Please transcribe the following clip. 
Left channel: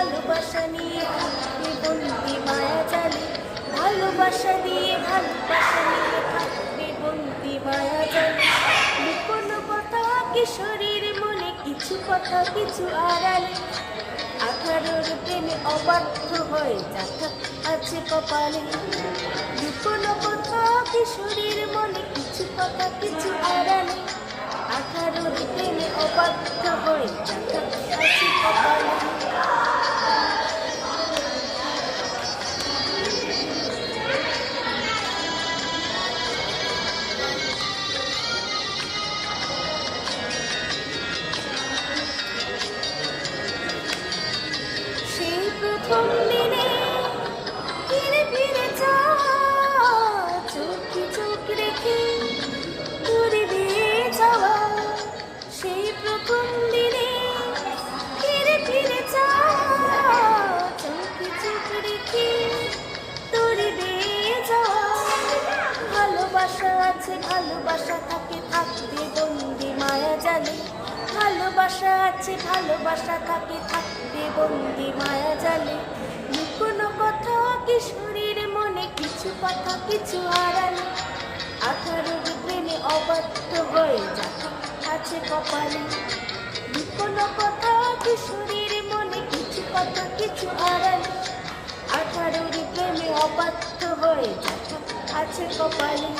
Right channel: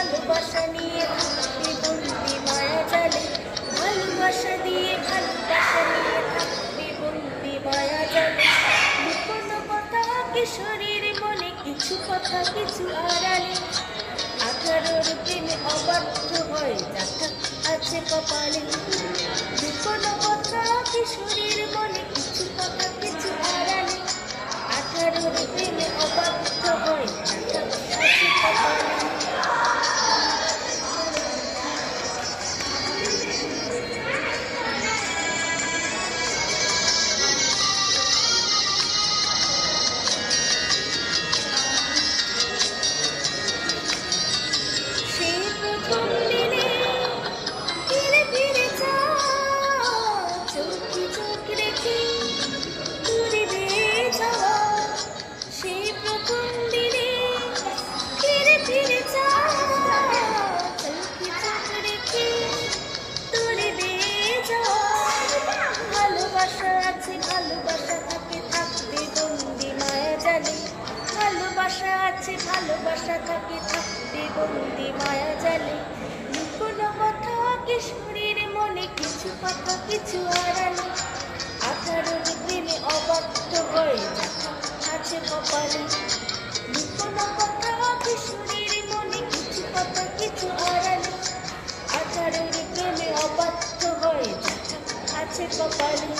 ভালোবাসা নিয়ে থাকবে বন্দি মায়া জালে, ভালোবাসা দিয়ে ভালোবাসা নিয়ে থাকবে বন্দি মায়া জালে। লুকোনো কথা কিশোরীর মনে, কিছু কথা কিছু আড়ালে, 18 প্রেমে অবাধ্য হয়ে যাথা আছে কপালে। লুকোনো কথা কিশোরীর মনে, কিছু কথা কিছু আড়ালে, 18 প্রেমে অবাধ্য হয়ে যাথা আছে কপালে। সেই প্রথম দিনে ফিরে ফিরে যা, চোখে চোখ রেখে দূরে দিয়ে যাওয়া। সেই প্রথম দিনে ফিরে ফিরে যা, চোখে চোখ রেখে দূরে দিয়ে যাওয়া। ভালোবাসা আছে ভালোবাসা থাকে, থাকবে বন্দি মায়া জালে, ভালোবাসা আছে ভালোবাসা থাকে, থাকবে বন্দি মায়া জালে। লুকোনো কথা কিশোরীর মনে, কিছু কথা কিছু আড়ালে, 18 প্রেমে অবাধ্য হয়ে যাথা আছে কপালে। লুকোনো কথা কিশোরীর মনে, কিছু কথা কিছু আড়ালে, 18 প্রেমে অবাধ্য হয়ে যাথা আছে কপালে।